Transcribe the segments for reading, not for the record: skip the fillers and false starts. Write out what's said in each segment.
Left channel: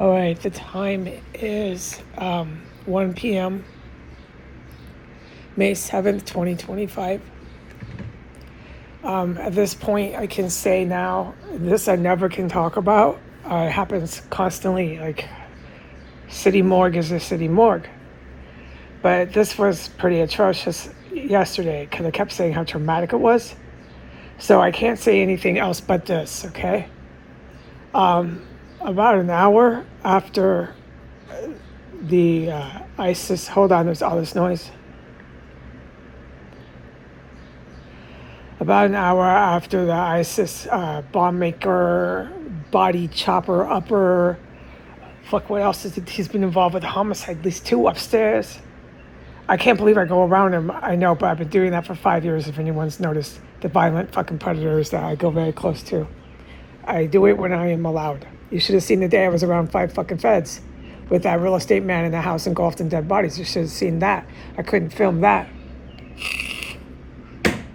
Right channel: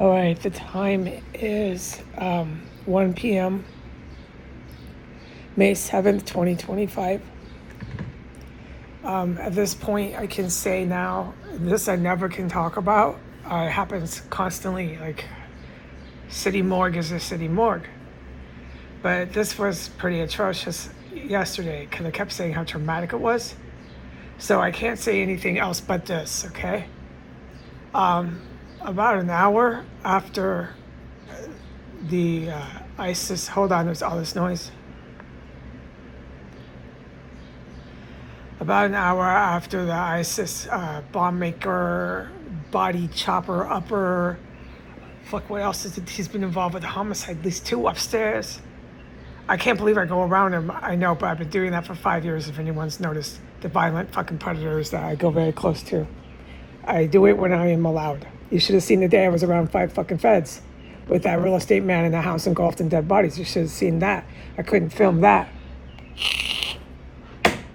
All right, the time is 1 p.m., May 7th, 2025. At this point, I can say now, this I never can talk about. It happens constantly. Like, city morgue is a city morgue. But this was pretty atrocious yesterday because I kept saying how traumatic it was. So I can't say anything else but this, okay? About an hour after the ISIS, hold on, there's all this noise. About an hour after the ISIS bomb maker, body chopper upper, fuck, what else is it? He's been involved with a homicide, at least 2 upstairs. I can't believe I go around him. I know, but I've been doing that for 5 years. If anyone's noticed the violent fucking predators that I go very close to, I do it when I am allowed. You should have seen the day I was around 5 fucking feds with that real estate man in the house engulfed in dead bodies. You should have seen that. I couldn't film that.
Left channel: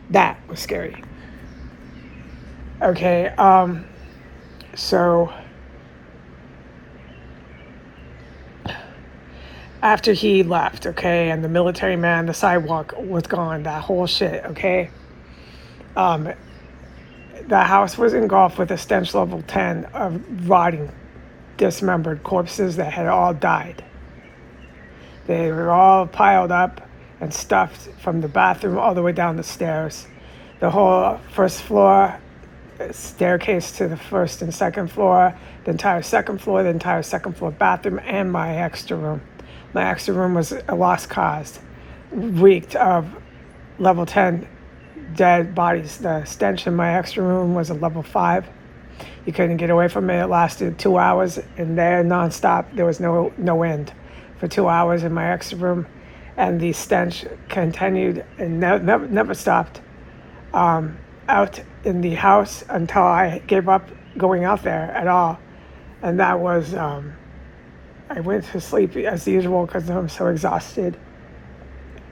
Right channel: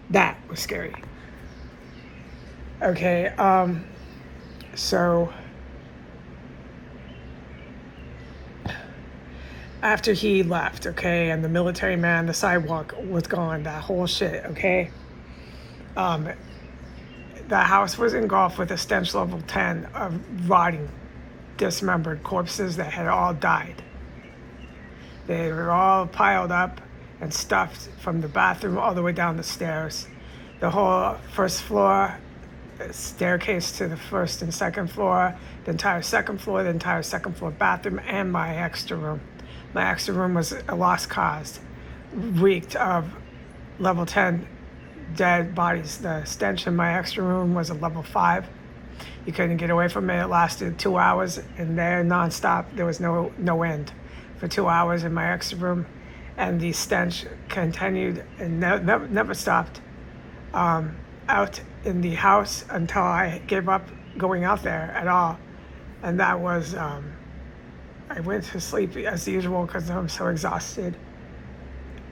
That was scary. Okay, so after he left, okay, and the military man, the sidewalk was gone, that whole shit, okay? The house was engulfed with a stench level 10 of rotting, dismembered corpses that had all died. They were all piled up and stuffed from the bathroom all the way down the stairs. The whole first floor, staircase to the first and second floor, the entire second floor, the entire second floor bathroom, and my extra room. My extra room was a lost cause, reeked of level 10 dead bodies. The stench in my extra room was a level 5. You couldn't get away from it. It lasted 2 hours, and there nonstop. There was no end for 2 hours in my extra room, and the stench continued and never stopped out in the house until I gave up going out there at all. And that was, I went to sleep as usual because I'm so exhausted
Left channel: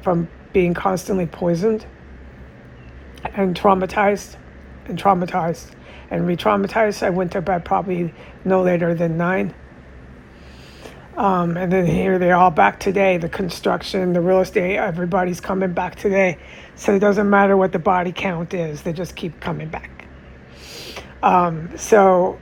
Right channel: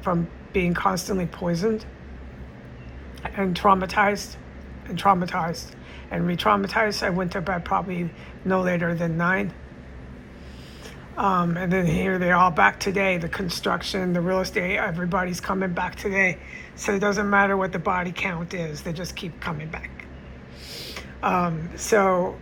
from being constantly poisoned and traumatized and re-traumatized. I went to bed probably no later than 9. And then here they're all back today. The construction, the real estate, everybody's coming back today. So it doesn't matter what the body count is. They just keep coming back. So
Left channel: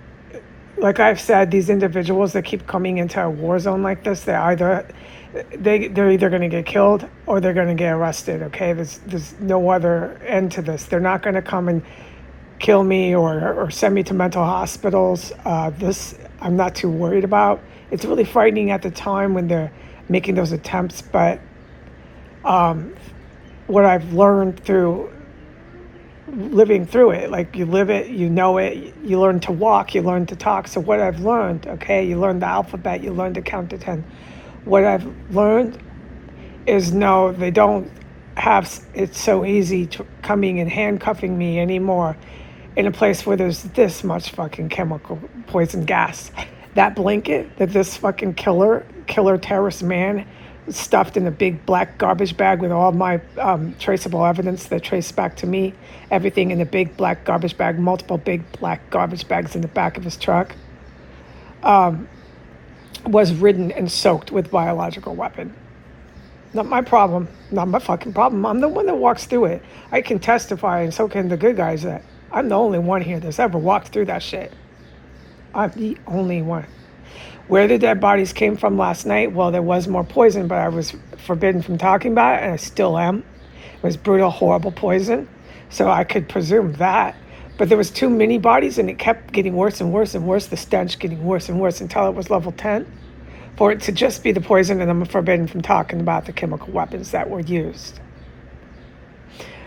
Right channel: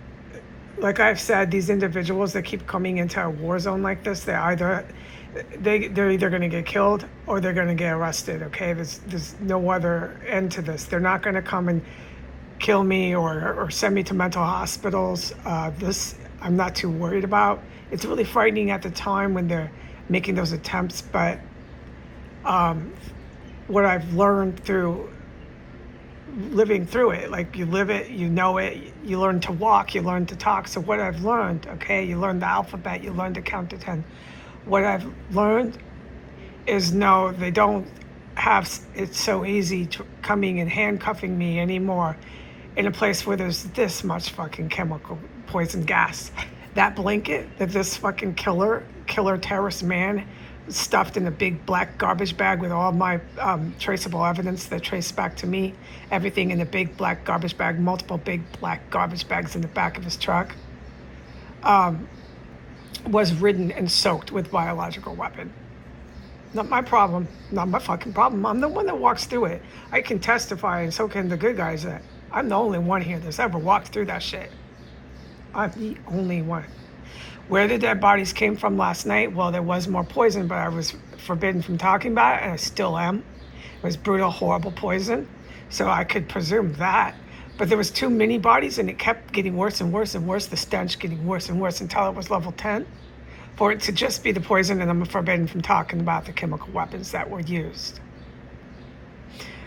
like I've said, these individuals that keep coming into a war zone like this, they're either going to get killed or they're going to get arrested. Okay, there's no other end to this. They're not going to come and kill me or send me to mental hospitals. This I'm not too worried about. It's really frightening at the time when they're making those attempts, but what I've learned through living through it, like you live it, you know it, you learn to walk, you learn to talk. So what I've learned, okay, you learn the alphabet, you learn to count to 10. What I've learned is no, they don't have it so easy to coming and handcuffing me anymore in a place where there's this much fucking chemical poison gas. That blanket that this fucking killer terrorist man stuffed in a big black garbage bag with all my traceable evidence that traced back to me, everything in a big black garbage bag, multiple big black garbage bags in the back of his truck, was ridden and soaked with biological weapon. Not my problem, not my fucking problem. I'm the one that walks through it. I can testify, and so can the good guys, that I'm the only one here that's ever walked through that shit. I'm the only one. Where the dead bodies came from last night, well, there was more poison, but I was forbidden from talking about it, and I still am. It was brutal, horrible poison, so I could presume that. But there was too many bodies, and it kept getting worse and worse and worse, the stench getting worse and worse until it was level 10. For it to just be the poison, and I'm forbidden from talking about the chemical weapons that were used.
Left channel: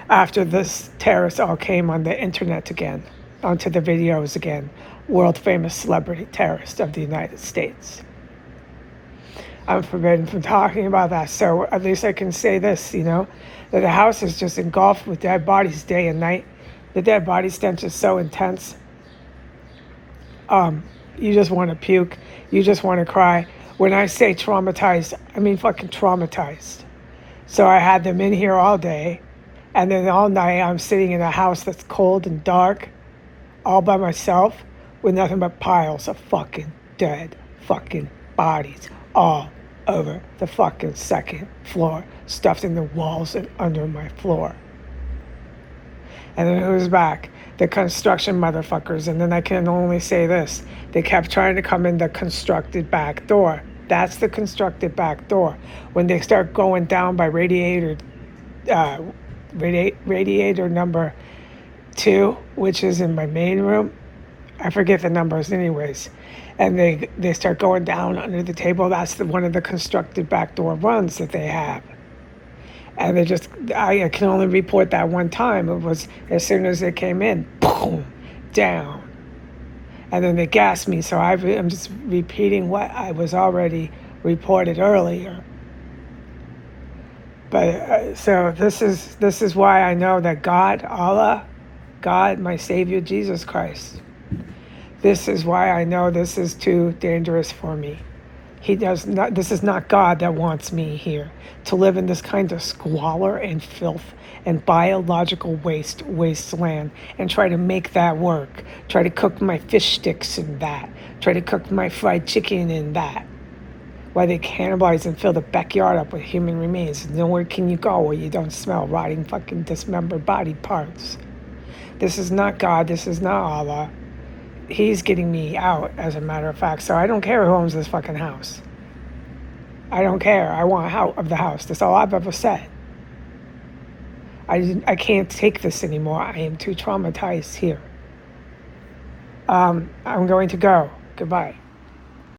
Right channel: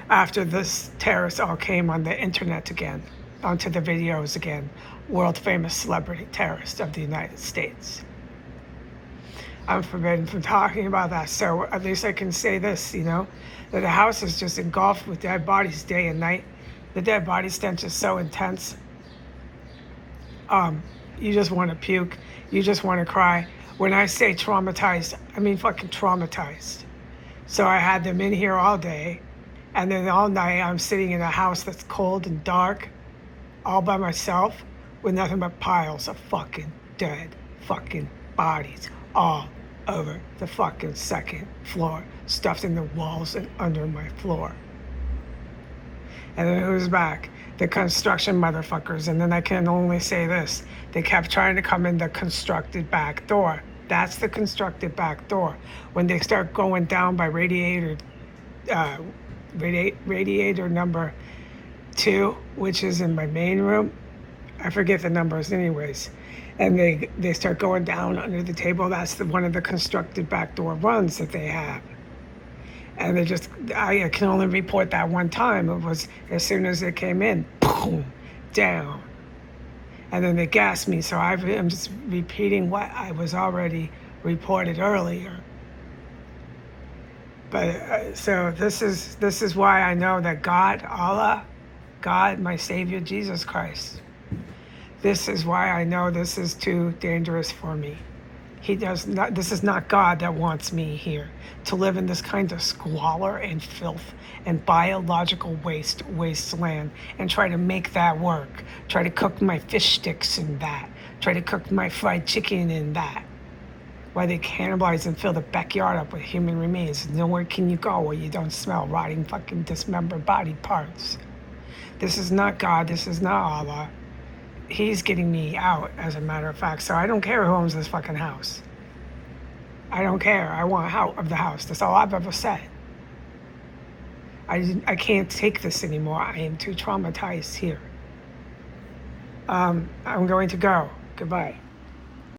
After this terrorists all came on the internet again, onto the videos again, world famous celebrity terrorist of the United States. I'm forbidden from talking about that, so at least I can say this, that the house is just engulfed with dead bodies day and night. The dead body stench is so intense. You just want to puke. You just want to cry. When I say traumatized, I mean fucking traumatized. So I had them in here all day, and then all night I'm sitting in a house that's cold and dark, all by myself, with nothing but piles of fucking dead fucking bodies all over the fucking second floor, stuffed in the walls and under my floor. And then who's back? The construction motherfuckers. And then I can only say this. They kept trying to come in the constructed back door. That's the constructed back door. When they start going down by radiator number 2, which is in my main room. I forget the numbers anyways. And they start going down under the table. That's one of the constructed back door runs that they have. And I can only report that one time. It was as soon as they came in, boom, down. And then they gassed me, so I'm just repeating what I was already reported earlier. But so this is why I know that God, Allah, God, my Savior, Jesus Christ. This is why I know this is too dangerous for me. This is not God that wants me here to live in this kind of squalor and filth and biological wasteland, and try to make that work. Try to cook my fish sticks in that. Try to cook my fried chicken in that. While they cannibalize and fill the backyard up with human remains. Nowhere can you go where you don't smell rotting fucking dismembered body parts. This is not God. This is not Allah. He's getting me out, as a matter of fact. So I don't care who owns this fucking house. I don't care. I want out of the house. That's all I've ever said. I can't take this anymore. I am too traumatized here. I'm going to go. Goodbye.